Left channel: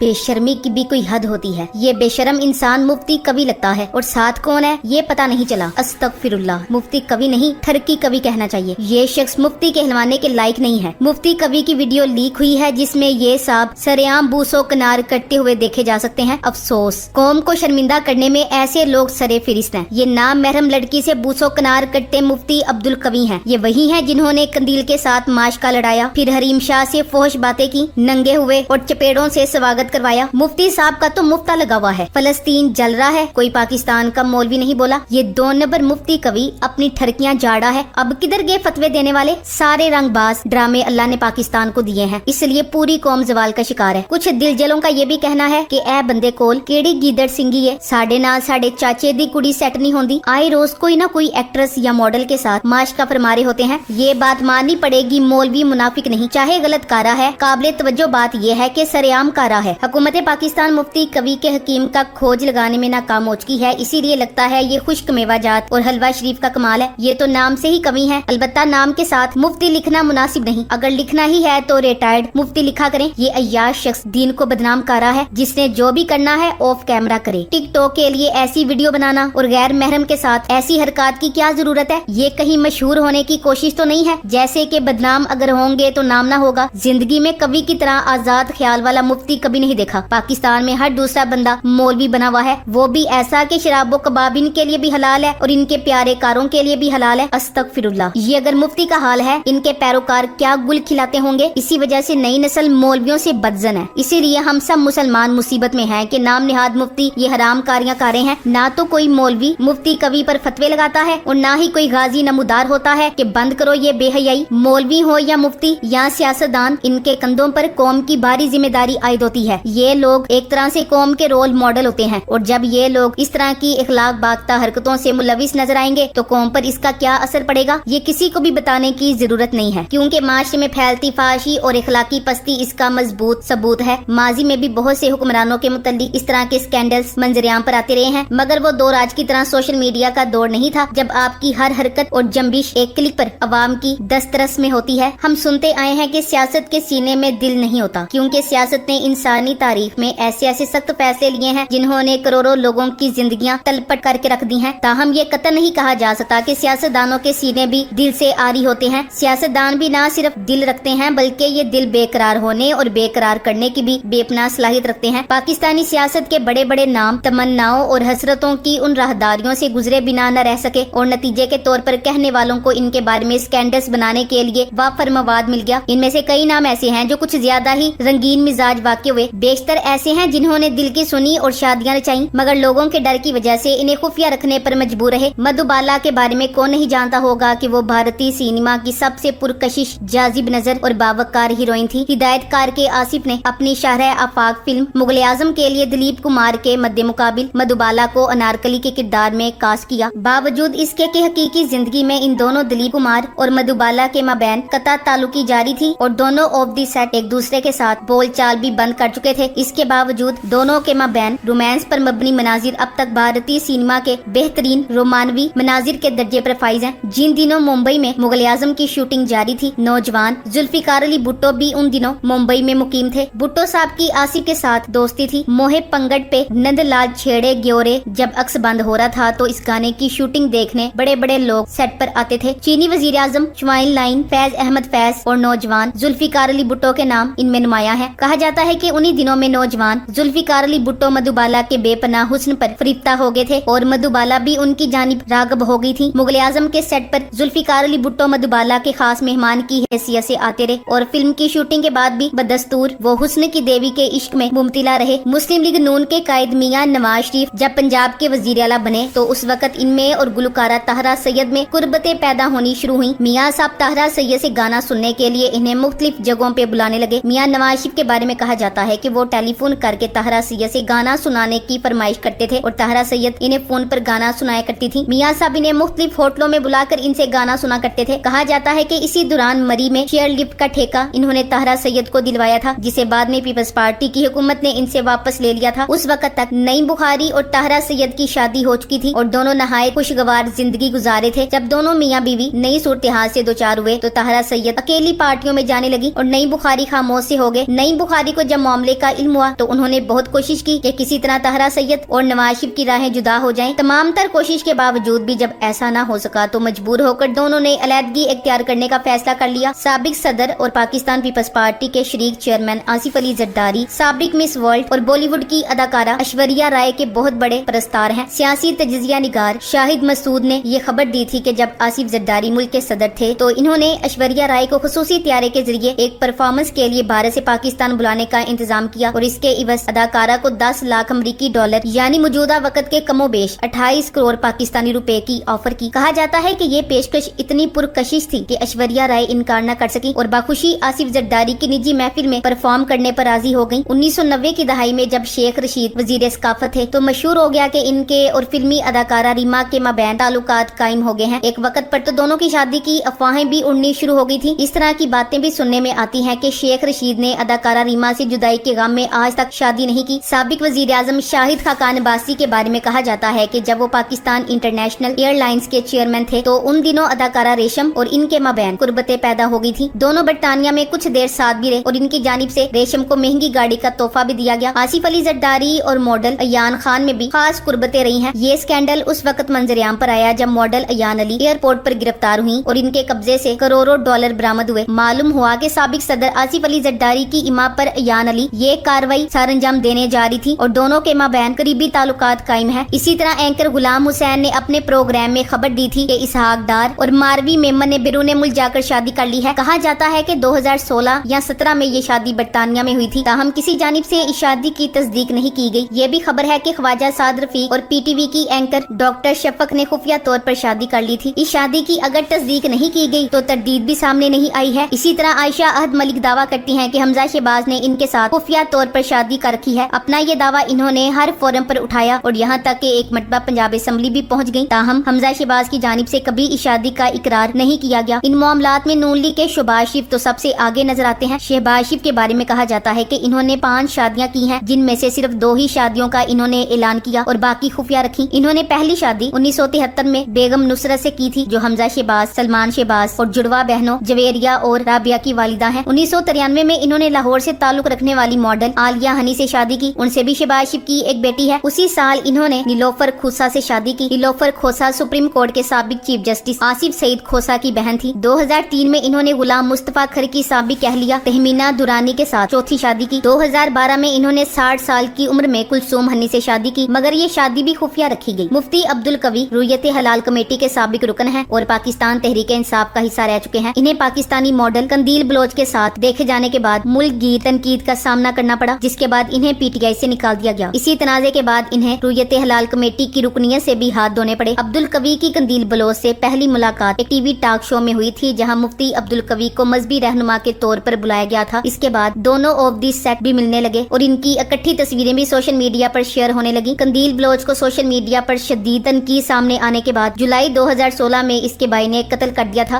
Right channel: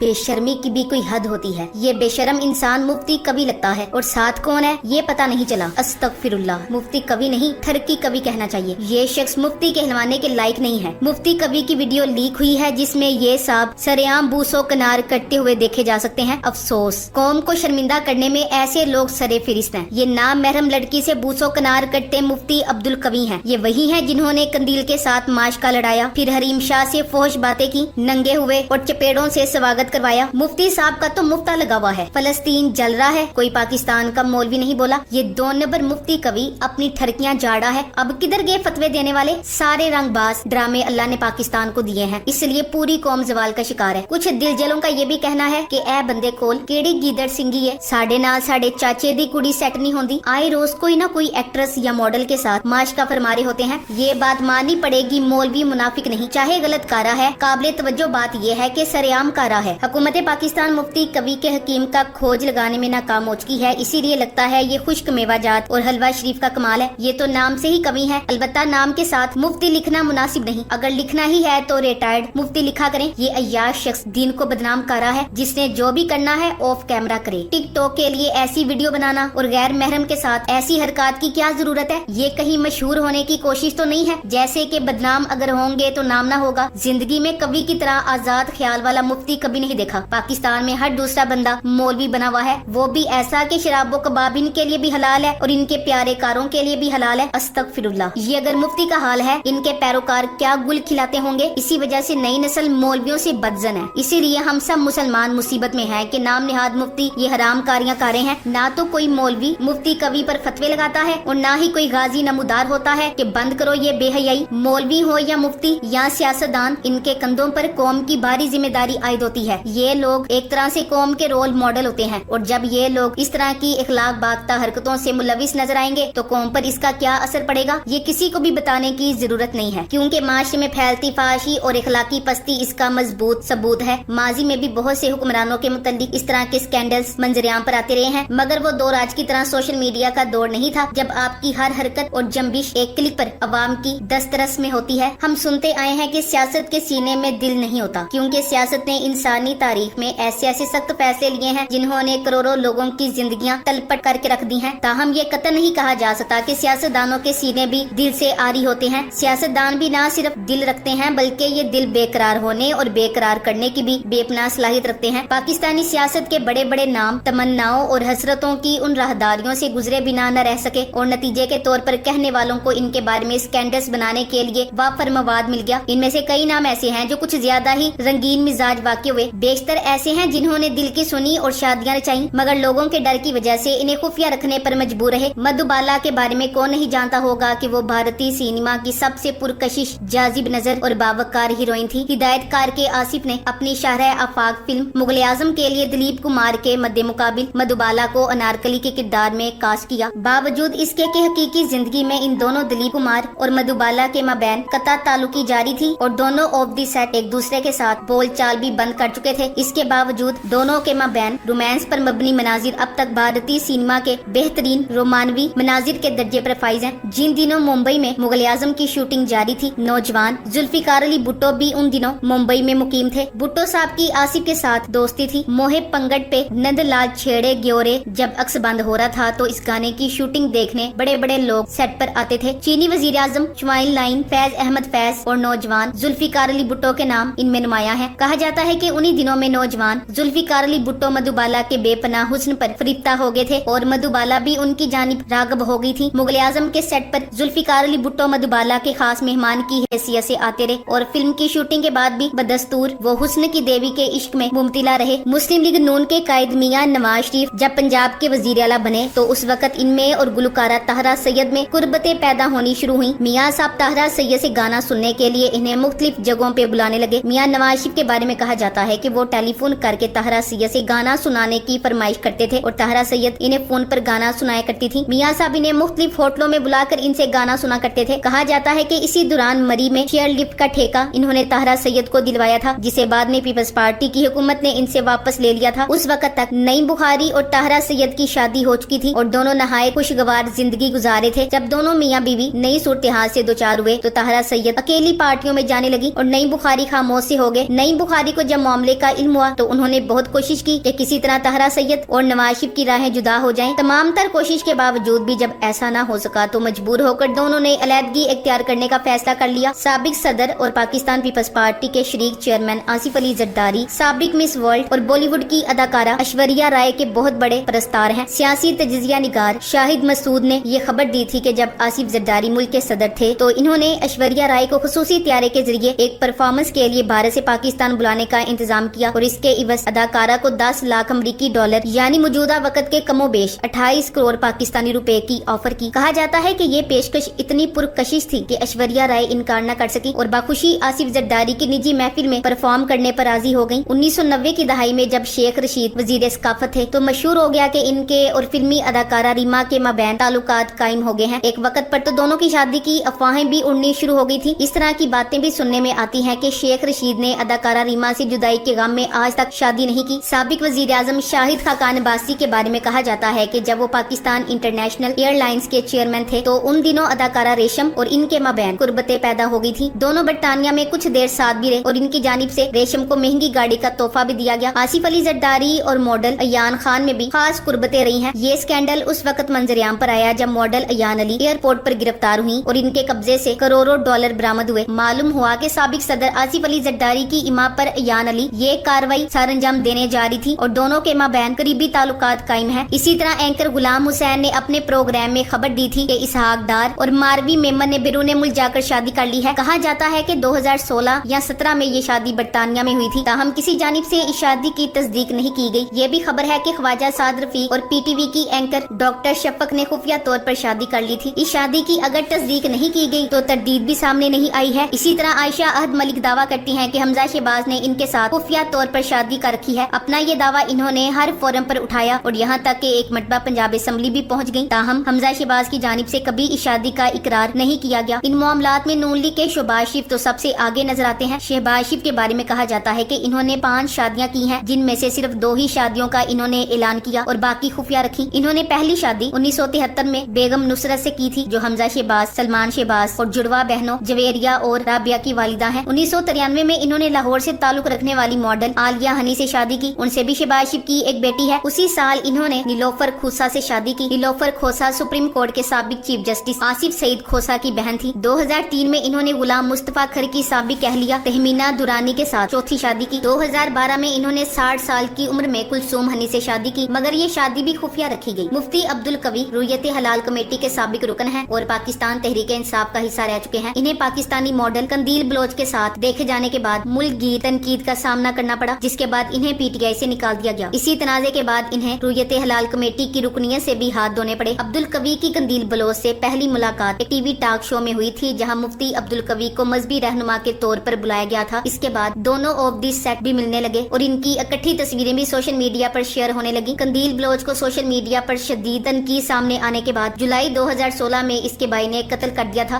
बेशर्मी की भी कोई हद होती है। ये बेशरम इंसान मुफ्ती कवि लगता है और साथ कौन है ये पता नहीं चला। अस्तगफिरुल्लाह, मुफ्ती कवि नहीं ठरकी कवि कहना चाहिए। ये शख्स मुफ्ती कहलवाने के लायक नहीं है। मुफ्ती कवि की वीडियो लीक हुई है जिसमें ये साहब सरेआम बूसों किनार कटते हुए देखे जा सकते हैं। अफसोस, कौम को शर्मिंदा करने में ऐसे लोग सरे फिरिस्त हैं। ये नाम महरम लड़की से बूसों किनार कटते मुफ्ती अब्दुल कवी हैं। ये वही हैं जिन्होंने कंदील के साथ माशका लड़ाया, फिर हरीम शाह से फौश बातें की, नंगे हुए और चपेड़ों से स्वागत करवाया। मुफ्ती साहब का तो मुफ्ता लगा हुआ है। फलस्तीन जल रहा है, कोई पाकिस्तान का मौलवी नहीं बोला। ये 2 नंबर मुफ्ती कवि अपनी ठरकियां झाड़ा है। अब किधर गए फतवे देने वाले? सारे रंगबाज ड्रामे अल्लाह ने पाकिस्तान को दिए हैं, इसलिए पूरी कौम जवाल का शिकार है। कुछ दिलजलों का ये भी कहना है कि ए बंदे कोल केड़े गीदड़ सिंगी है, साडे नाल साडे चाचे दी कुड़ी सेट नहीं होंदी। आए रोज कोई ना कोई एक्ट्रेस या मॉडल के साथ माशका फरमारे होते हैं। ये बात माननी पड़ेगी, मौलवी मुनाफिक नहीं, चाहे गलत कारा है। काबिल तवज्जो बात ये है कि सरेआम कारा है। हुकूमत पाकिस्तान मुफ्ती कवि के हकीम का खोज लगाने में नाकाम हो चुकी है, इसीलिए लगता है ये खुश्क मेवाजात और हलवा शरीफ का कमाल है। ये तो नाम से ही कवि है, अलबत्ता नाम के साथ मुफ्ती लिखना मुनासिब नहीं। अगर लिखना ही है तो रिटायर्ड मुफ्ती लिखा करे। ये अय्याश शख्स दीन को बदनाम कर रहा है, जिसने जो भी करना है ऑफ कैमरा करे। टिकटॉक के लिए ऐसी वीडियो बनाना और गैर महरम के साथ ऐसी हरकत की क्या जरूरत है? ये कहीं मशहूर होने की कोशिश तो नहीं है, जैसे कि बदनाम अगर होंगे तो नाम ना होगा। जिंदगी में कवि की तरह आजाद ख्याल वाला मुफ्ती कभी नहीं देखा। पाकिस्तान में हर दूसरा बंदा मौलवी बना हुआ है, वो भी ऐसा कि शराबो कबाब इनके लिए भी हलाल है और इनके प्यारे कारों के लिए भी हलाल है। अस्तगफिरुल्लाह, ये अगर मुफ्ती का हाल है, इनके पैरोकार क्या गुल खिलाते होंगे। इसी वजह से नई नस्ल मौलवियों से बदजन है। इसीलिए हम सब मुसलमान मुसीबत में हैं कि नाम निहाद मुफ्ती ये हराम कारियां कर रहे हैं। ना तो कोई मौलवी मुफ्ती कवि पर फतवे लगाता है और ना ही कोई गाजी नमूदार होता है कि बंद करो ये बेहयाई। मौलवी हो या मुफ्ती या सियासतदान, इनके कंधों पर कौम की भारी जिम्मेदारी आयद होती है। ये लोग एक तरह से कौम के रोल मॉडल होते हैं और जब ये लोग इस तरह की इखलाक बाख्ता हरकतों से मुलविस नजर आएंगे तो कौम पर इसका क्या असर पड़ेगा ये किसी को भी बताने की जरूरत नहीं है, क्योंकि माशरे में फैलती फाशी और इखलाकी पस्ती इसका मजबूत सबूत है। माजी में भी बहुत से हुक्मरानों के मुतल्लिक इस तरह के स्कैंडल्स मंजरेआम पर आते रहे हैं, मगर वो दौर आज की तरह सोशल मीडिया का दौर नहीं था जब आपकी हर हरकत और जंबिश एक क्लिक पर अवाम की दस्तरस में होती है। हम सुनते आए हैं कि सियासत के सीने में दिल नहीं होता, क्योंकि सियासत ने इंसानी तारीख में ऐसे सख्त फैसले लिए हैं जिन्होंने करोड़ों लोगों की जिंदगियां तलपट करके रख दी हैं। ताहम ये कतई नहीं कहा जा सकता कि सियासतदानों के सीने भी दिल से आरी होते हैं। सियासतदान भी ना सिर्फ दिल रखते हैं बल्कि ये दिल बेकरार होने और बेकरार करने की भी बेपनाह सलाहियत रखते हैं। पाकिस्तानी सियासत के बड़े बड़े नाम तमन्नाओं और हसरतों की उन राहदारियों से गुजरे बिना न रह सके और नतीजे के तौर पर कहने वालों को इनके बारे में स्कैंडल्स बनाने के लिए वाफर मवाद मिल गया। इनमें से कई नाम ऐसे हैं जो कुछ ज्यादा ही रंगीन मिजाज वाक़े हुए, बेशतर ऐसे हैं जिन्होंने दिल की सुनी और शादियां रचाई, मगर लोगों के डर की वजह से इन्हें खुफिया रखने पर मजबूर रहे। मधुबाला के बारे में कौन नहीं जानता होगा कि वो भारतीय सिनेमा की सबसे पुरकशिश, जाजिब नजर और बावकार हीरोइन थी। हिदायतकार के आसिफ ने अपनी शाहरह आफाक फिल्म मुगल आजम के लिए दिलीप कुमार के मद्दे मुकाबिल मधुबाला को अनारकली के किरदार में कास्ट किया। बावजूद इसके कि हकीकी जिंदगी में इन दोनों दिलीप कुमार और मधुबाला के माबैन कता ताल्लुकी जारी थी और दोनों ऑफ दी सेट एक दूसरे के साथ बोलचाल भी बंद कर चुके थे। इसके बावजूद दोनों के माबैन रोमांस पर मबनी मनाजिर अब तक भारतीय सिनेमा के बेहतरीन रोमानवी मनाजिर के दर्जे पर फाइज हैं। जिन दिनों मुंबई में मुगल आजम की शूटिंग जारी थी, नौजवान जुल्फिकार अली भुट्टो भी उन दिनों मुंबई में मुकीम थे। भुट्टो साहब की आसिफ के साथ दोस्ती थी। मोहे पंगट पे नंदलाल छेड़े ग्योरे जब अक्स बंद हो रहा था तो इस गाने की शूटिंग देखने बड़े बड़े लोग सेट पर आते थे। चीनी वजीर आजम शुमाइल लाइन, फैज अहमद फैज और नौजवान जुल्फिकार अली भुट्टो के नाम इनमें नुमाया है। कहा जाता है कि उन्हीं दिनों में नौजवान जुल्फिकार अली भुट्टो मधुबाला के बेपनाह हुस्न पर फरिफ्ता हो गए थे और मधुबाला भी उनकी जानिब रागब हो गई थी। मुगल आजम के सेट पर जुल्फिकार अली भुट्टो मधुबाला के खास मेहमान की हैसियत से आते रहे और फिल्म की शूटिंग के बाद भी बदस्तूर वो हुस्न की देवी के इश्क में मुमतिला रहे। मुस्लिम लीग नून के कायद मियां नवाज शरीफ जब पंजाब के वजीर आला बने तो उस वक्त इनमें और गुलकारा ताहरा सैयद में कुर्बतें पैदा होनी शुरू हुई। मियां साहब ताहरा सैयद से गाना सुनने के लिए इन्हें मुख्तलिफ जगहों पे बुलाने लगे। मियां नवाज शरीफ के बारे में कहा जाता है कि वो टेलीफोन करके ताहरा सैयद से गाना सुनाने की फरमाइश करते थे और ताहरा सैयद इन्हें फोन पर गाना सुनाया करती थी। मियां साहब इन्हें मुख्तलिफ होटलों में बुलाकर इनसे गाना सुना करते थे। कहा जाता है कि इसी दौरान मरी में चेयर लिफ्ट का ठेका इन्होंने ताहरा सैयद को दिलवाया था, जिसे बाद में पीपल्स पार्टी की हुकूमत ने इनसे वापस ले लिया था। उस वक्त तक नईम बुखारी और ताहरा सैयद की शादी हो चुकी थी और दोनों नहाए खुशगवार जिंदगी गुजारे थे। जब दोनों मियां बीवी नई सूरत-ए-हाल से दो चार हुए तो ताहरा सैयद अकेली पार्टियों में जाने लगी और नईम बुखारी खामोश से हो गए। नईम बुखारी को जब मामले मामले का इल्म हुआ तो उन्होंने बहुत कोशिश की कि किसी तरह तहरा सैयद और नवाज शरीफ की राहें जुदा हो जाएं। तमाम तर कोशिश के बावजूद भी जब ऐसा ना हो सका तो मजबूर होकर दोनों ने अलहदगी इख्तियार करने का फैसला कर लिया। साबिक सदर और पाकिस्तान पीपल्स पार्टी के शरीक चेयरमैन आसिफ अली जरदारी, साबिक मिस वर्ल्ड और बॉलीवुड की अदाकारा ऐश्वर्या राय के बहुत बड़े परस्तार हैं। सियासी तजिया निगार शाहिद मसूद ने ये खबर दी थी कि जब आसिफ जरदारी मुल्क के सदर थे तो इन्होंने ऐश्वर्या राय को खुसूसी त्यारे के जरिए एक परफॉर्मेंस के लिए भारत से पाकिस्तान बुलाने का इंतजाम किया और इसके इवज अदाकारा को 10 लाख अमरीकी डॉलर यानी मौजूदा वक्त के कमोबेश 28 करोड़ पाकिस्तानी रुपए की ऑफर की। कहा जाता है कि ये पेशकश इतनी पुरकशिश थी कि ऐश्वर्या राय इनकार न कर सकी और बाखुशी आसिफ जरदारी की निजी महफिल में परफॉर्म करने पर राजी हो गयी। 1990 की दहाई में जब शेख रशीद वजीर सकाफत थे तो मशहूर हो गया कि इनके और फिल्मी अदाकारा रीमा के माबैन ताल्लुकात कायम हो गए हैं। एक वक्त पर तो दोनों की शादी की अफवाहें भी उड़नी शुरू हो गई थी। इस तरह की बातें भी सुनने में आती हैं कि शेख रशीद ने अदाकारा रीमा से जुदाई के गम में आज तक शादी नहीं की। साबिक वजीर आजम शाहिद खाकान अब्बासी के बारे में कहा जाता है कि जब वो पाकिस्तान इंटरनेशनल एयरलाइंस के चेयरमैन थे तो उन दिनों अदाकारा रेशम और इनके माबैन कुर्बतें पैदा हो गई थी। दोनों बरतानिया में कुछ देर साथ भी रहे और इनकी जानिब से रेशम को महंगी गाड़ी का तोहफा भी दिया गया। आसिफ अली जरदारी और मॉडल अयान खान में भी खास कुर्बतें रही हैं। ये स्कैंडल उस वक्त मंजरेआम पर आया जब मॉडल अयान अली एयरपोर्ट पर गिरफ्तार हुई और इनके कब्जे से करोड़ों डॉलर बरामद हुए। मालूम हुआ कि साबिक सदर आसिफ अली जरदारी की इमा पर अयान अली ये कार्रवाई सर अंजाम देने जा रही थी और दोनों के माबैन करीबी ताल्लुकात कायम है। इसी तरह एंकर गुलाम हुसैन ने अपने प्रोग्राम में खबर दी थी कि इसहाक डार और मारवी मेमन ने बिरूने मुल्क जाकर शादी कर ली है। कहा जाता है कि 2016 या 17 में ये शादी बरतानिया में हुई थी, ताहम किसी जानिब से इस शादी की तस्दीक नहीं की गई। ये भी खबर है कि ख्वाजा साद रफीक और पीटीवी की एंकर डॉक्टर शफक ने खुफिया तौर पर शादी कर ली थी। इस शादी की अगर तस्दीक नहीं की गई तो तरदीद भी सामने नहीं आई है। इसी तरह आयशा अहद मलिक दावा करती हैं कि हमजा शहबाज ने इनके साथ खुफिया तौर पर शादी कर रखी है। अपना ये दावा इन्होंने हर फोरम पर उठाया और यहाँ तक कि एक मरतबा पंजाब असेंबली भी पहुँच गयी। ताहम हमजा शहबाज की जानिब से कभी इस शादी का इकरार नहीं किया गया। इन मामलात में नून लीग के शहबाज शरीफ तो सबसे आगे नजर आते हैं। शहबाज शरीफ के बारे में कहा जाता है कि इन्होंने 5 शादियां की हैं, जिनमें से सिर्फ 2 ही शादियों का इन्होंने ऐलान किया और बाकी खुफिया रखी। इन्होंने पहली शादी 1973 में बेगम नुसरत से की थी, जो हमजा शहबाज, सलमान शहबाज और जुड़वा बहनों जवेरिया और राबिया की वालिदा है। 1993 में इन्होंने लाहौर से ताल्लुक रखने वाली मॉडल आलिया हनी से शादी की, उनसे भी शहबाज शरीफ की एक बेटी है। उसी साल इन्होंने नीलोफर खोसा से शादी की। नीलोफर खोसा सुप्रीम कोर्ट के साबिक चीफ जस्टिस आसिफ सईद खोसा की बहन थी। 2003 में इन्होंने गुलाम मुस्तफा खर की साबिक अहलिया तहमीना दुरानी के साथ चौथी शादी की। 2012 में इन्होंने 60 साल की उम्र में कुलसूम हनी से शादी की, मगर ये शादी भी खुफिया रखी गई। मुफ्ती अब्दुल कवी रुयत हलाल कमेटी के साबिक रुकन हैं और पाकिस्तान तहरीक इंसाफ का हिस्सा रह चुके हैं। इन्हें पाकिस्तानी मॉडल कंदील बलोच के साथ देखे जाने के बाद मुल्क गी तनकीद का सामना करना पड़ा, जिसके बाद इन्हें पीटीआई से निकाल दिया गया। इसी तनाजे के बाद इन्हें रुयत हलाल कमेटी की रुकनियत से भी हाथ धोने पड़े। अब्दुल कवी की कंदील बलोच से पहली मुलाकात एक टीवी टॉक शो में हुई थी, जहां मुफ्ती अब्दुल कवी को मजहबी रहनुमा के तौर पर बुलाया गया था। इसके बाद दोनों ऑफ दी सेट भी मिलने लगे और इनकी इकट्ठी तस्वीरें भी सोशल मीडिया पर शेयर होने लगी। कंदील बलोच को सोशल मीडिया पर शदीद तनकीद सामने आने के बाद जुलाई 2016 में इसके भाई ने कत्ल कर दिया था।